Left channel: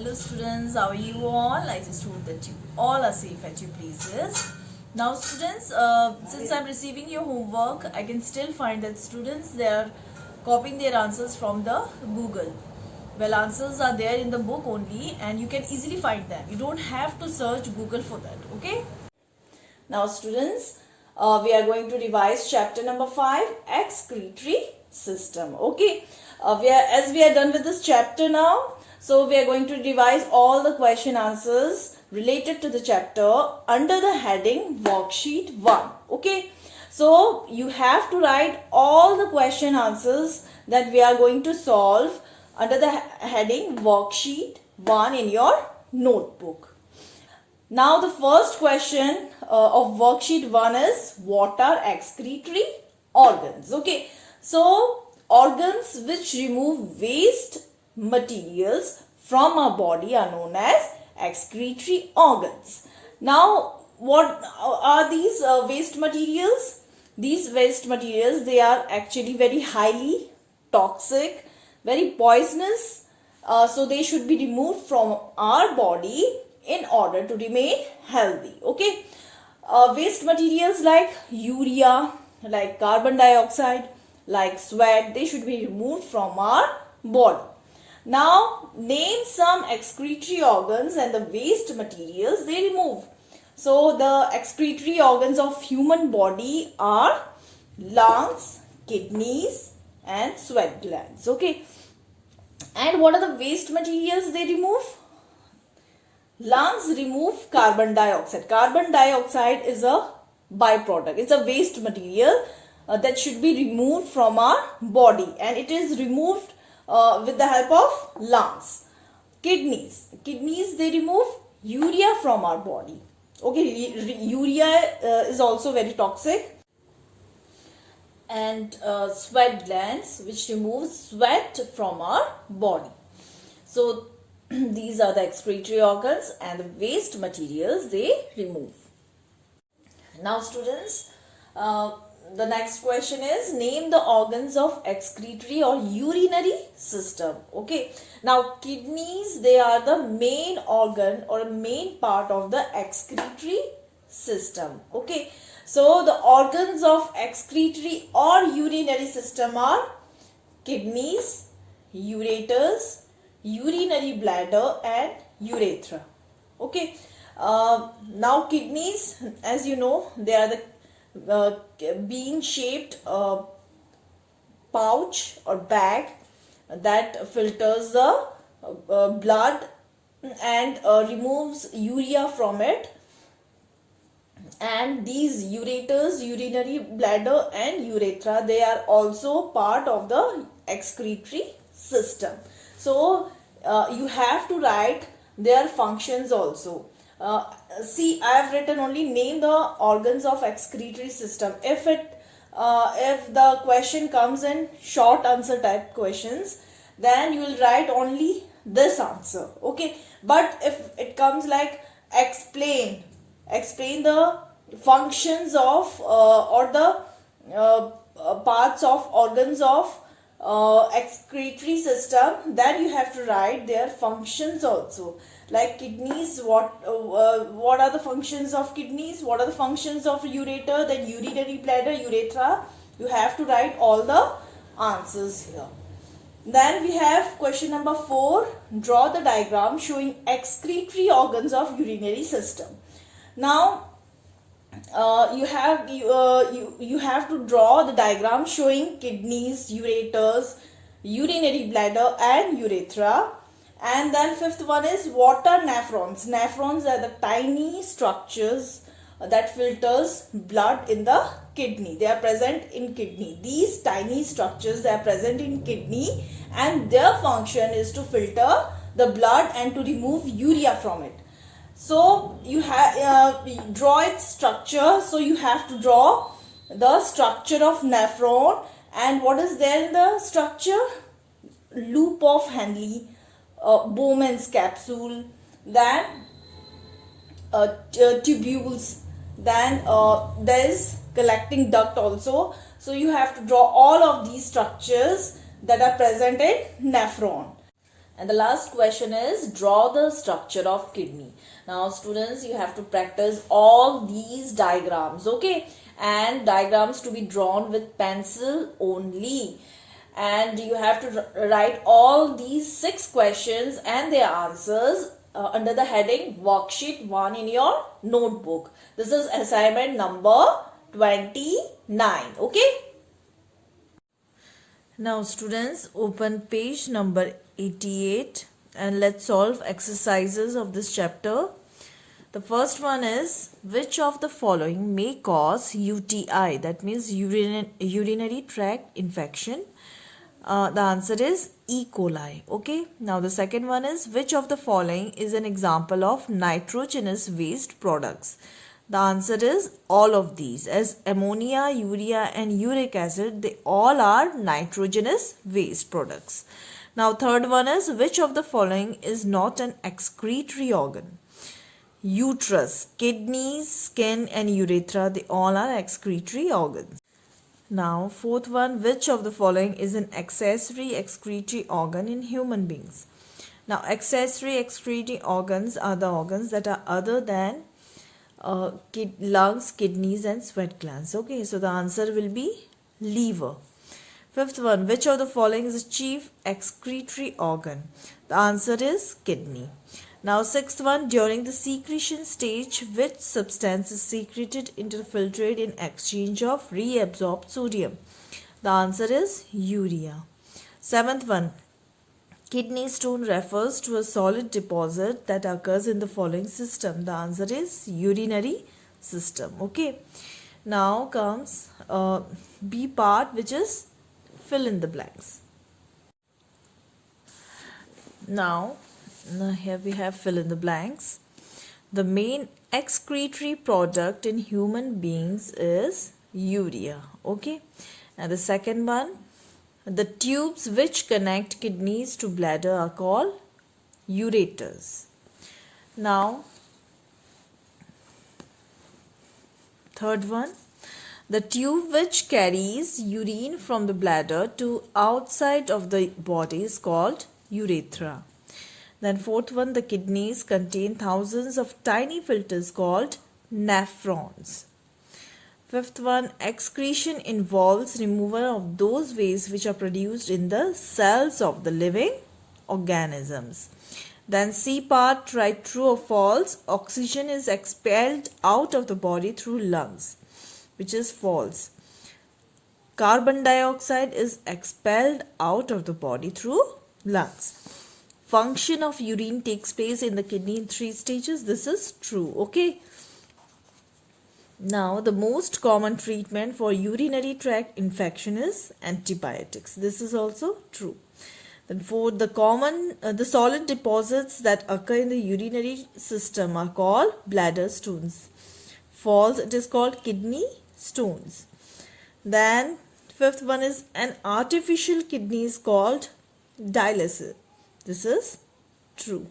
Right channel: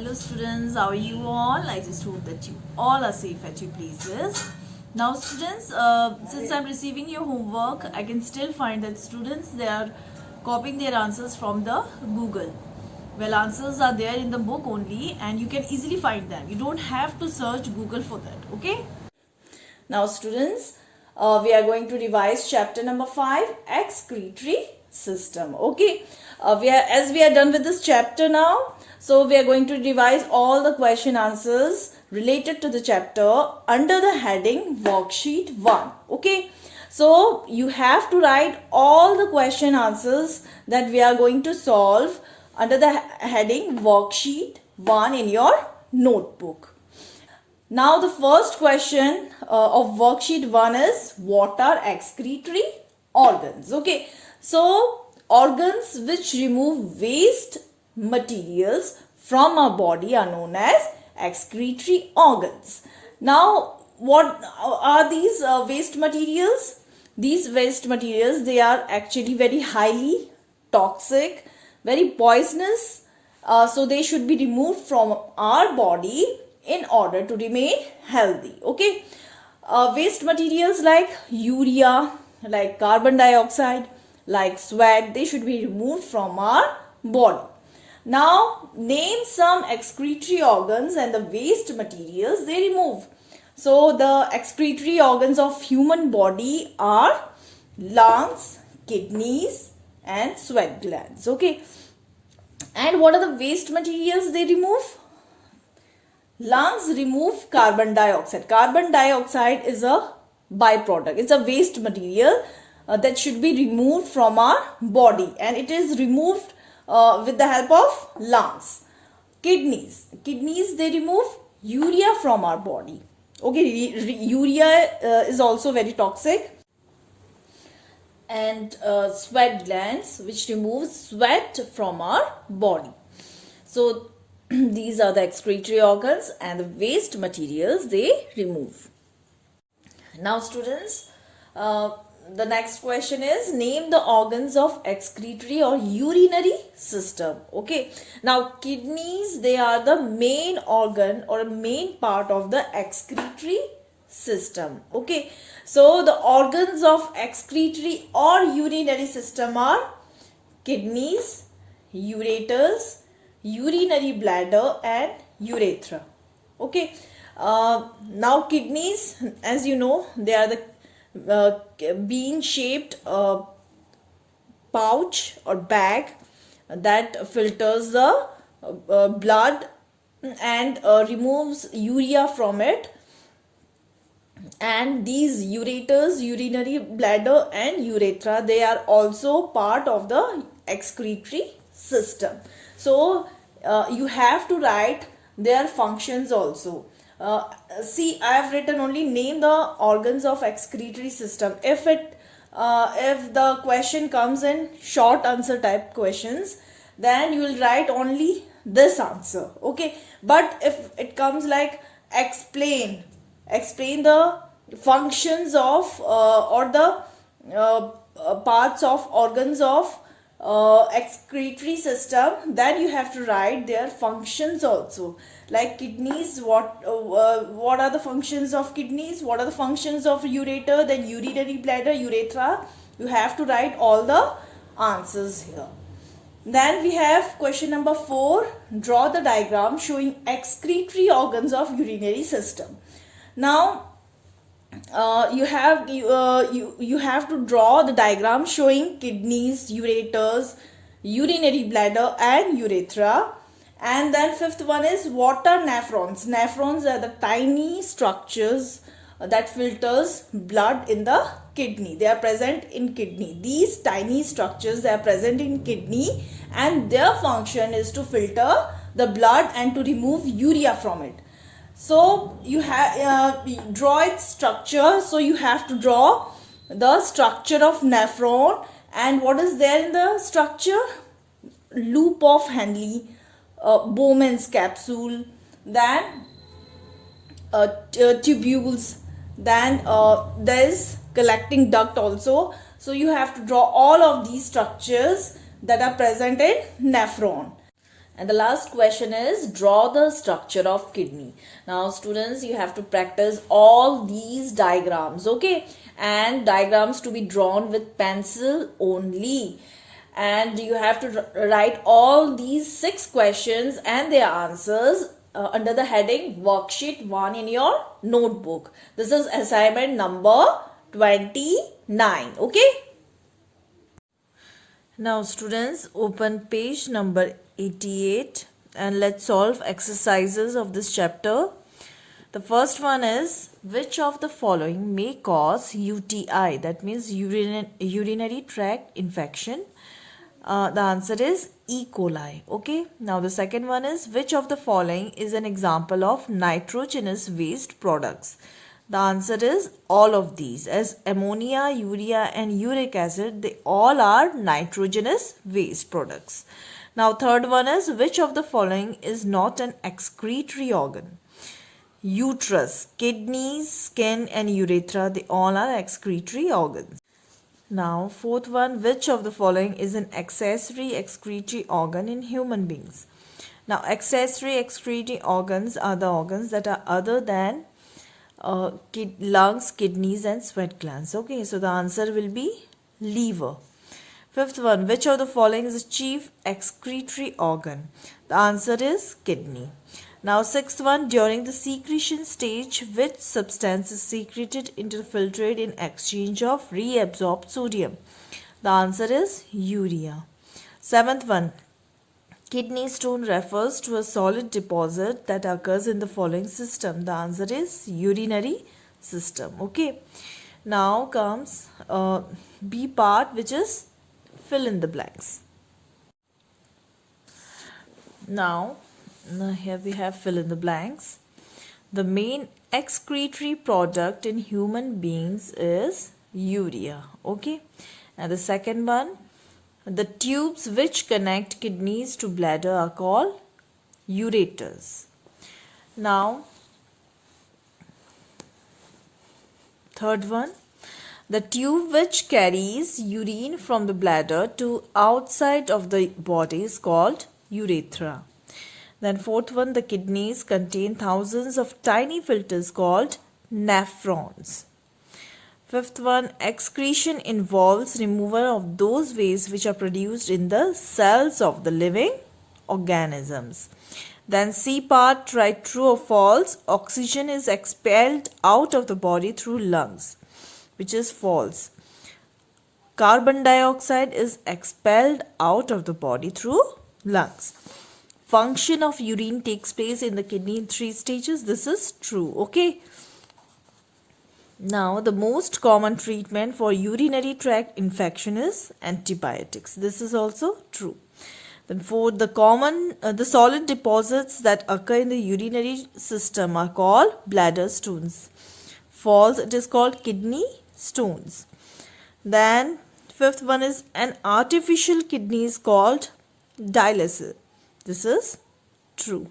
Hello students, how are you all? I just hope that you all are safe at your places. Now students, since I'm receiving your homework, I can still find that students, they are copying their answers from the Google. Well, answers are there in the book only and you can easily find them. You don't have to search Google for that, okay? Now students, we are going to revise chapter number 5, Excretory System, okay? As we are done with this chapter now, so we are going to revise all the question answers related to the chapter under the heading worksheet 1. Okay. So you have to write all the question answers that we are going to solve under the heading worksheet 1 in your notebook. Now the first question of worksheet 1 is what are excretory organs? Okay. So organs which remove waste materials from our body are known as excretory organs. Now, what are these waste materials? These waste materials, they are actually very highly toxic, very poisonous. So they should be removed from our body in order to remain healthy. Okay. Waste materials like urea, like carbon dioxide, like sweat, they should be removed from our body. Now, name some excretory organs and the waste materials they remove. So, the excretory organs of human body are lungs, kidneys and sweat glands. Okay. And what are the waste materials they remove? Lungs remove carbon dioxide. Carbon dioxide is a byproduct. It's a waste material that should be removed from our body, and it is removed with the help of lungs. Kidneys they remove urea from our body. Okay, urea is also very toxic. And sweat glands, which removes sweat from our body. So these are the excretory organs and the waste materials they remove. Now students, the next question is name the organs of excretory or urinary system. Okay. Now kidneys, they are the main organ or main part of the excretory system. Okay. So the organs of excretory or urinary system are kidneys, ureters, urinary bladder and urethra. Okay. Now kidneys, as you know, they are the bean shaped pouch or bag that filters the blood and removes urea from it. And these ureters, urinary bladder and urethra, they are also part of the excretory system. So you have to write their functions also. See, I have written only name the organs of excretory system. If the question comes in short answer type questions, then you will write only this answer. Okay. But if it comes like explain the functions of or the parts of organs of excretory system, then you have to write their functions also. Like kidneys, what are the functions of kidneys, what are the functions of ureter, then urinary bladder, urethra. You have to write all the answers here. Then we have question number 4. Draw the diagram showing excretory organs of urinary system. Now you have to draw the diagram showing kidneys, ureters, urinary bladder and urethra. And then 5th one is what are nephrons? Nephrons are the tiny structures that filters blood in the kidney. They are present in kidney. These tiny structures, they are present in kidney and their function is to filter the blood and to remove urea from it. So you have draw its structure. So you have to draw the structure of nephron, and what is there in the structure? Loop of Henle, Bowman's capsule, then tubules, then there is collecting duct also. So you have to draw all of these structures that are present in nephron. And the last question is draw the structure of kidney. Now students, you have to practice all these diagrams, okay? And diagrams to be drawn with pencil only. And you have to write all these 6 questions and their answers under the heading worksheet 1 in your notebook. This is assignment number 29, okay? Now students, open page number 88 and let's solve exercises of this chapter. The first one is, which of the following may cause UTI, that means urinary tract infection? The answer is E. coli. Okay. Now the second one is, which of the following is an example of nitrogenous waste products? The answer is all of these, as ammonia, urea and uric acid, they all are nitrogenous waste products. Now third one is, which of the following is not an excretory organ? Uterus, kidneys, skin and urethra, they all are excretory organs. Now fourth one, which of the following is an accessory excretory organ in human beings? Now accessory excretory organs are the organs that are other than lungs, kidneys and sweat glands. Okay, so the answer will be liver. Fifth one, which of the following is the chief excretory organ? The answer is kidney. Now sixth one, during the secretion stage, which substance is secreted into the filtrate in exchange of reabsorbed sodium? The answer is urea. Seventh one, kidney stone refers to a solid deposit that occurs in the following system. The answer is urinary system. Okay. Now comes B part, which is fill in the blanks. Now here we have fill in the blanks. The main excretory product in human beings is urea. Okay. And the second one, the tubes which connect kidneys to bladder are called ureters. Now, third one, the tube which carries urine from the bladder to outside of the body is called urethra. Then fourth one, the kidneys contain thousands of tiny filters called nephrons. Fifth one, excretion involves removal of those wastes which are produced in the cells of the living organisms. Then C part, write true or false. Oxygen is expelled out of the body through lungs, which is false. Carbon dioxide is expelled out of the body through lungs. Function of urine takes place in the kidney in 3 stages. This is true. Okay. Now, the most common treatment for urinary tract infection is antibiotics. This is also true. Then fourth, the solid deposits that occur in the urinary system are called bladder stones. False, it is called kidney stones. Then fifth one is an artificial kidney is called dialysis. This is true.